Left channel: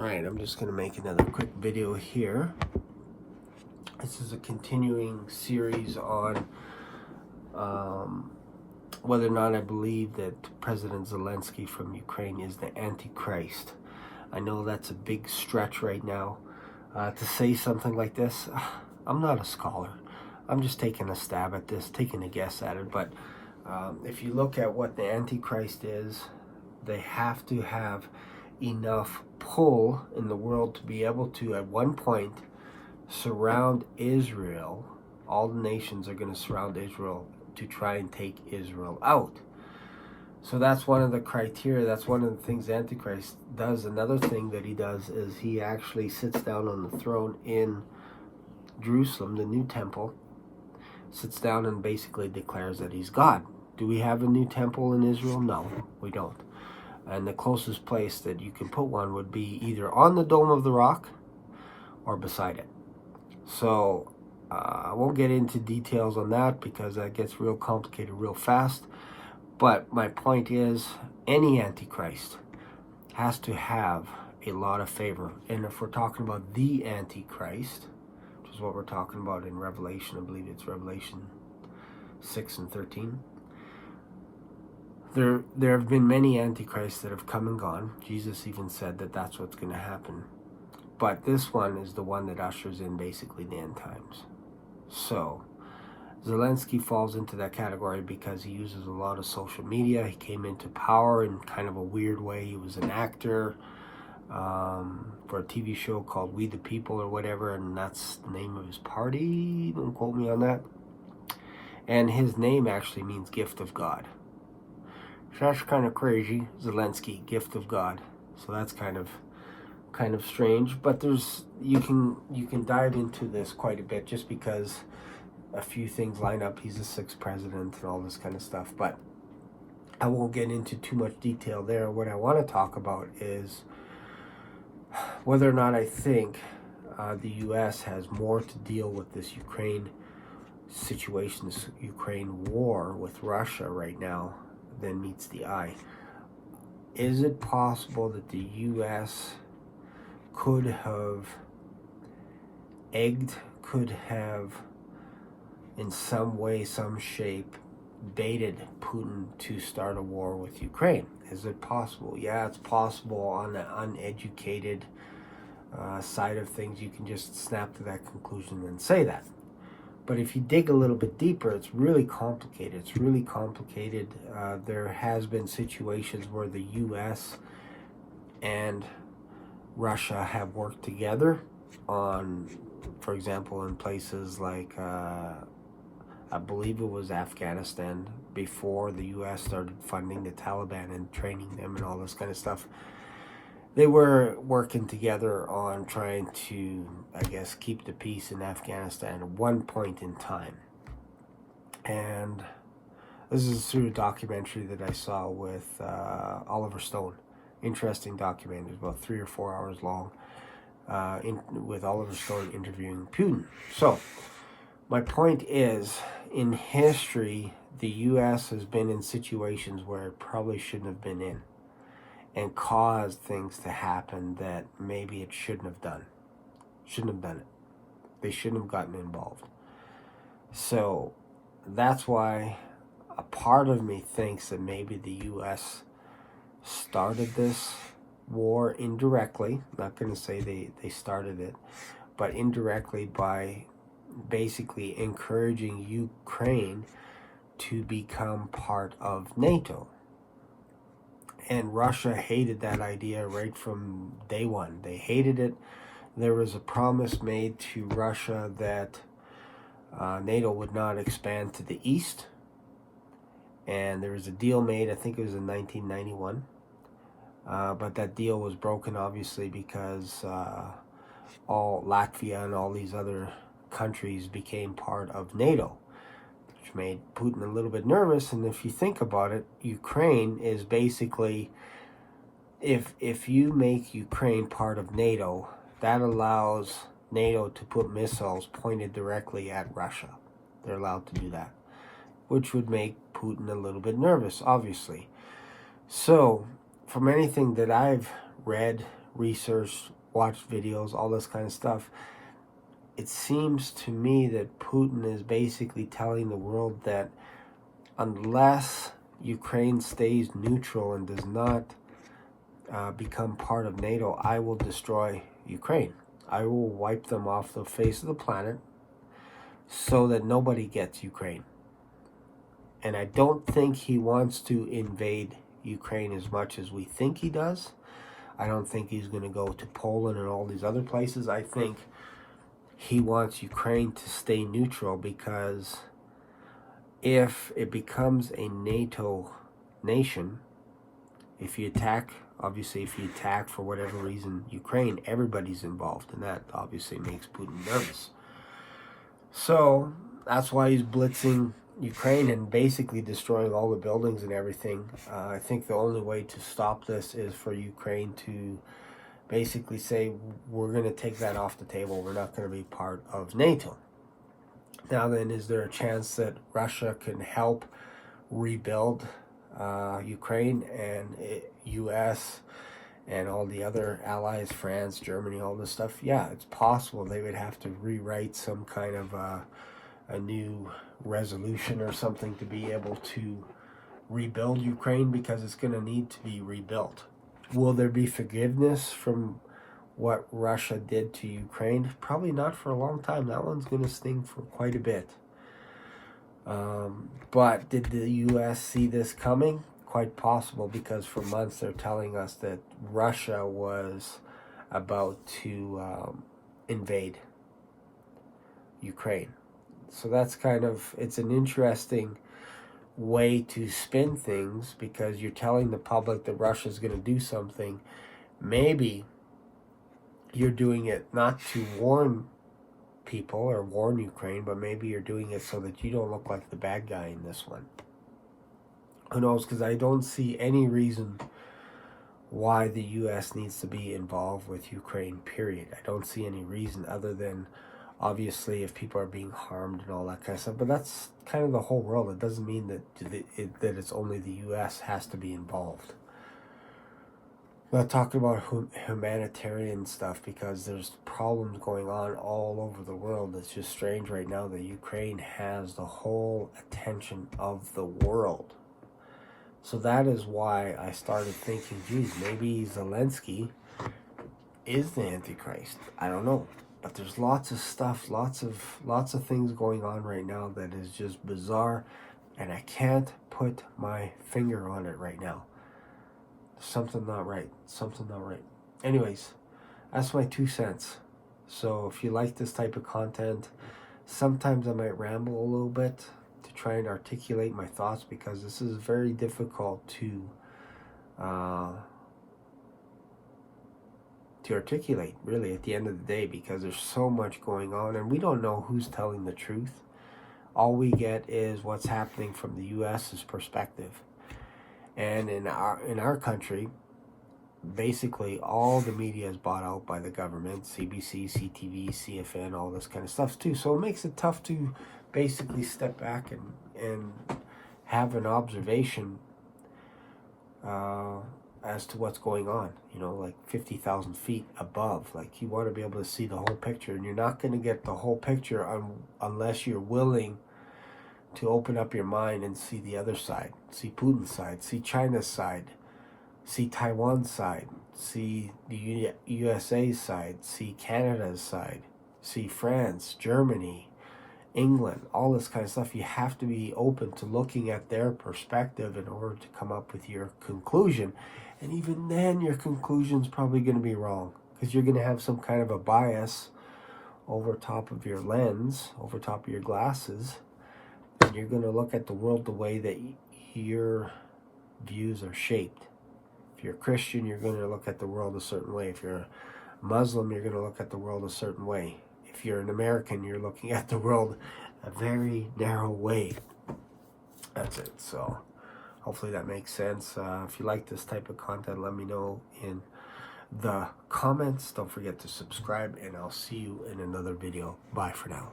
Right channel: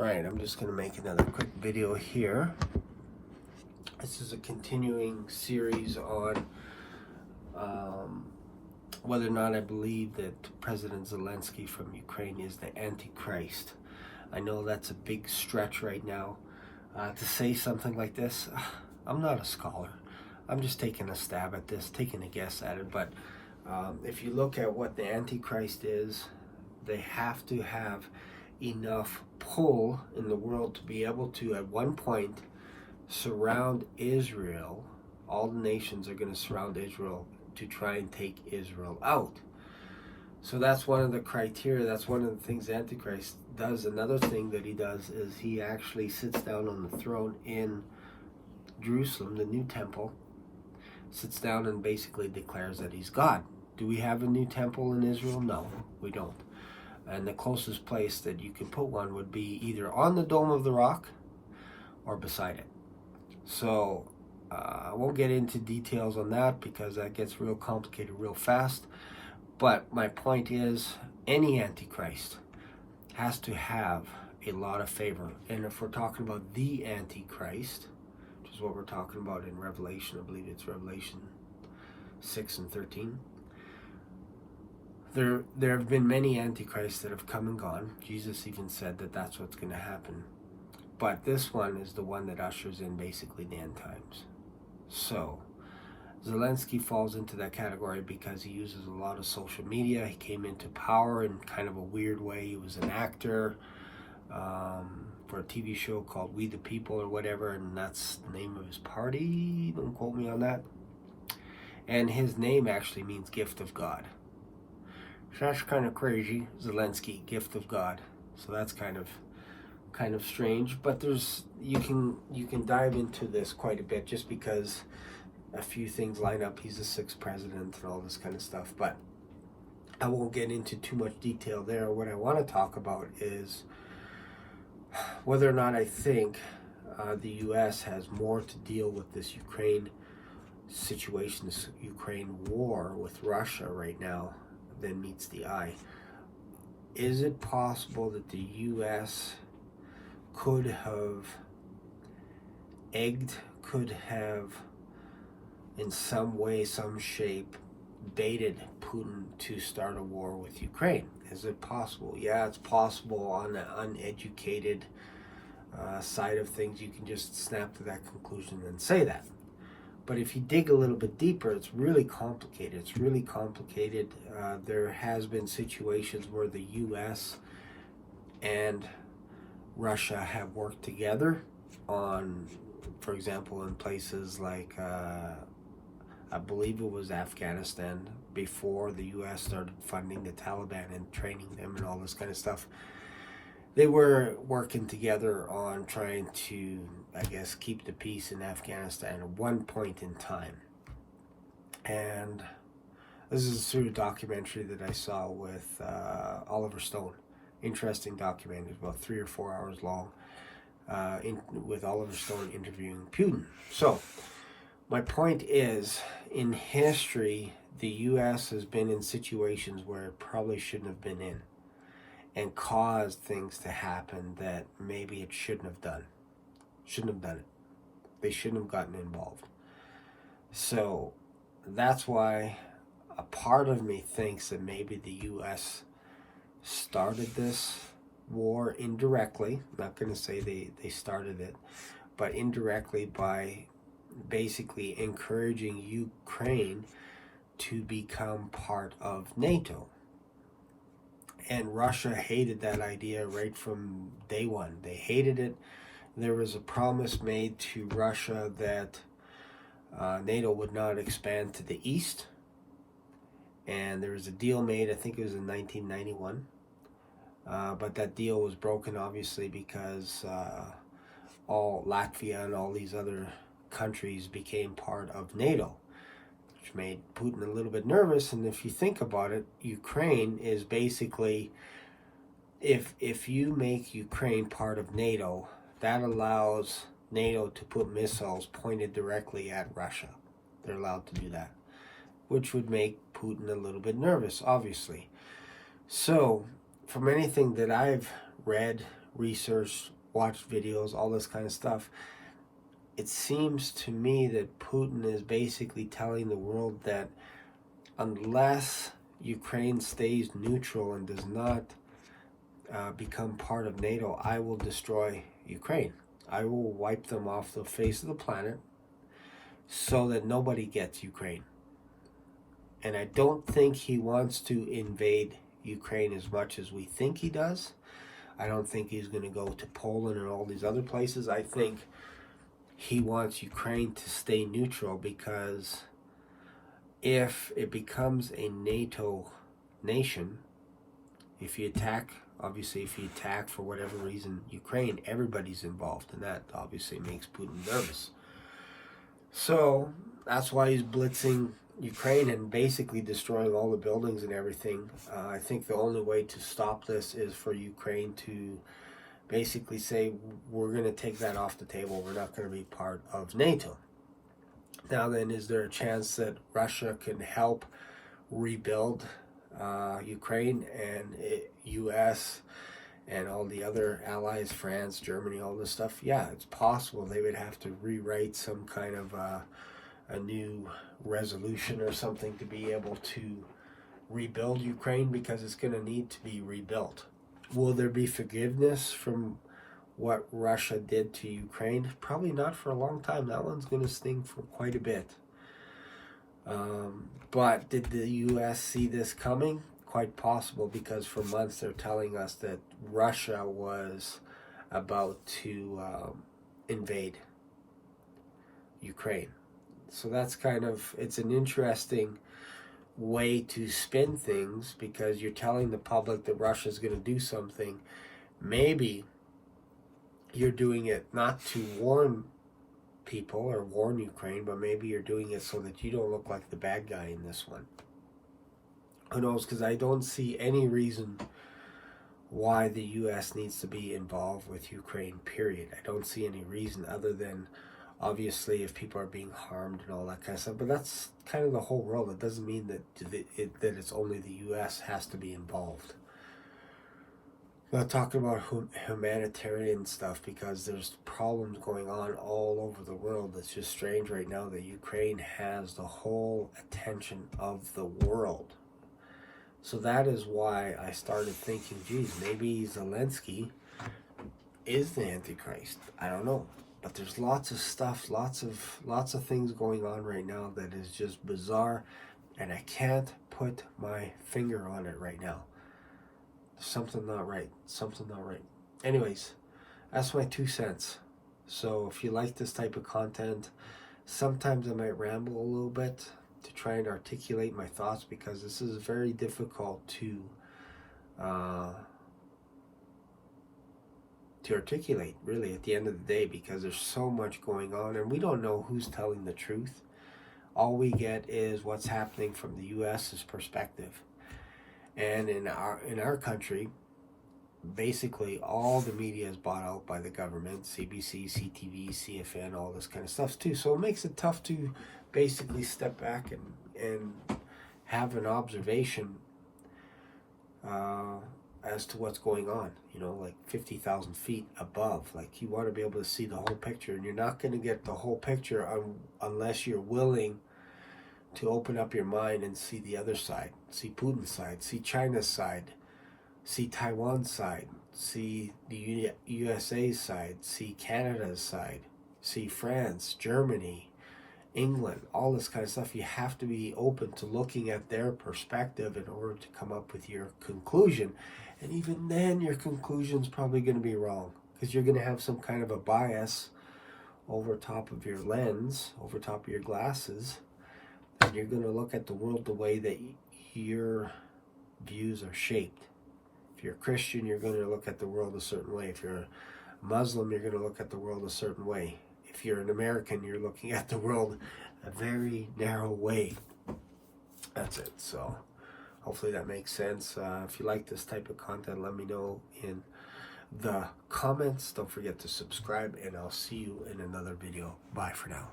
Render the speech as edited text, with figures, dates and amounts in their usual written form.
Alright, I'm just going to make another quick video here. This is a continuing series on whether or not I believe that President Zelensky from Ukraine is the Antichrist. I know that's a big stretch right now to say something like this. I'm not a scholar. I'm just taking a stab at this, taking a guess at it. But if you look at what the Antichrist is, they have to have enough pull in the world to be able to, at one point, surround Israel. All the nations are going to surround Israel to try and take Israel out. So that's one of the criteria. That's one of the things the Antichrist does. Another thing that he does is he actually sits down on the throne in Jerusalem, the new temple, sits down and basically declares that he's God. Do we have a new temple in Israel? No, we don't. And the closest place that you can put one would be either on the Dome of the Rock or beside it. So I won't get into details on that because that gets real complicated real fast. But my point is, any Antichrist has to have a lot of favor. And if we're talking about the Antichrist, which is what we're talking about in Revelation, I believe it's Revelation 6 and 13. There have been many antichrists that have come and gone. Jesus even said that that's what's going to happen. But this one is the one that ushers in basically the end times. So Zelensky falls into that category because he uses a lot of social media. He came into power in kind of a weird way. He was an actor for a TV show called We the People or whatever, and that's the name of his party. Don't quote me on that. And his name actually means gift of God. That's kind of crazy. Zelensky, gift of God. So that's kind of strange. But you can dive into this quite a bit just because a few things line up. He's the 6th president and all this kind of stuff. But I won't get into too much detail there. What I want to talk about is whether or not I think the U.S. has more to deal with this Ukraine situation, this Ukraine war with Russia right now than meets the eye. Is it possible that the U.S. could have could have in some way, some shape, baited Putin to start a war with Ukraine? Is it possible? Yeah, it's possible on the uneducated side of things. You can just snap to that conclusion and say that. But if you dig a little bit deeper, it's really complicated. It's really complicated. There has been situations where the U.S. and Russia have worked together on, for example, in places like, I believe it was Afghanistan, before the U.S. started funding the Taliban and training them and all this kind of stuff. They were working together on trying to, I guess, keep the peace in Afghanistan at one point in time. And this is through a documentary that I saw with Oliver Stone. Interesting documentary, about 3 or 4 hours long, with Oliver Stone interviewing Putin. So, my point is, in history, the U.S. has been in situations where it probably shouldn't have been in, and caused things to happen that maybe it shouldn't have done. Shouldn't have done it. They shouldn't have gotten involved. So that's why a part of me thinks that maybe the U.S. started this war indirectly. I'm not going to say they started it, but indirectly by basically encouraging Ukraine to become part of NATO. And Russia hated that idea right from day one. They hated it. There was a promise made to Russia that NATO would not expand to the east. And there was a deal made, I think it was in 1991. But that deal was broken, obviously, because all Latvia and all these other countries became part of NATO, which made Putin a little bit nervous. And if you think about it, Ukraine is basically, if you make Ukraine part of NATO, that allows NATO to put missiles pointed directly at Russia. They're allowed to do that, which would make Putin a little bit nervous, obviously. So, from anything that I've read, researched, watched videos, all this kind of stuff, it seems to me that Putin is basically telling the world that unless Ukraine stays neutral and does not become part of NATO, I will destroy Ukraine. I will wipe them off the face of the planet so that nobody gets Ukraine. And I don't think he wants to invade Ukraine as much as we think he does. I don't think he's going to go to Poland and all these other places. I think he wants Ukraine to stay neutral, because if it becomes a NATO nation, if you attack, obviously if you attack for whatever reason Ukraine, everybody's involved, and that obviously makes Putin nervous. So that's why he's blitzing Ukraine and basically destroying all the buildings and everything. I think the only way to stop this is for Ukraine to basically say, we're going to take that off the table. We're not going to be part of NATO. Now then, is there a chance that Russia can help rebuild Ukraine and U.S. and all the other allies, France, Germany, all this stuff? Yeah, it's possible. They would have to rewrite some kind of a new resolution or something to be able to rebuild Ukraine, because it's going to need to be rebuilt. Will there be forgiveness from what Russia did to Ukraine? Probably not for a long time. That one's going to sting for quite a bit. But did the U.S. see this coming? Quite possible, because for months they're telling us that Russia was about to invade Ukraine. So that's kind of, it's an interesting way to spin things, because you're telling the public that Russia's going to do something. Maybe you're doing it not to warn people or warn Ukraine, but maybe you're doing it so that you don't look like the bad guy in this one. Who knows? Because I don't see any reason why the U.S. needs to be involved with Ukraine, period. I don't see any reason other than, obviously, if people are being harmed and all that kind of stuff. But that's kind of the whole world. It doesn't mean that it's only the U.S. has to be involved. I'm not talking about humanitarian stuff, because there's problems going on all over the world. It's just strange right now that Ukraine has the whole attention of the world. So that is why I started thinking, geez, maybe Zelensky is the Antichrist. I don't know. But there's lots of stuff, lots of things going on right now that is just bizarre, and I can't put my finger on it right now. Something not right. Something not right. Anyways, that's my 2 cents. So if you like this type of content, sometimes I might ramble a little bit to try and articulate my thoughts, because this is very difficult to articulate, really, at the end of the day, because there's so much going on and we don't know who's telling the truth. All we get is what's happening from the U.S.'s perspective. And in our country, basically all the media is bought out by the government, CBC, CTV, CFN, all this kind of stuff too. So it makes it tough to basically step back and have an observation as to what's going on, like 50,000 feet above. Like, you want to be able to see the whole picture, and you're not going to get the whole picture unless you're willing to open up your mind and see the other side, see Putin's side, see China's side, see Taiwan's side, see the USA's side, see Canada's side, see France, Germany, England, all this kind of stuff. You have to be open to looking at their perspective in order to come up with your conclusion. And even then, your conclusion's probably going to be wrong, because you're going to have some kind of a bias over top of your lens, over top of your glasses, and you're going to look at the world the way that your views are shaped. If you're a Christian, you're going to look at the world a certain way. If you're a Muslim, you're going to look at the world a certain way. If you're an American, you're looking at the world a very narrow way. That's it. So hopefully that makes sense. If you like this type of content, let me know in the comments. Don't forget to subscribe, and I'll see you in another video. Bye for now.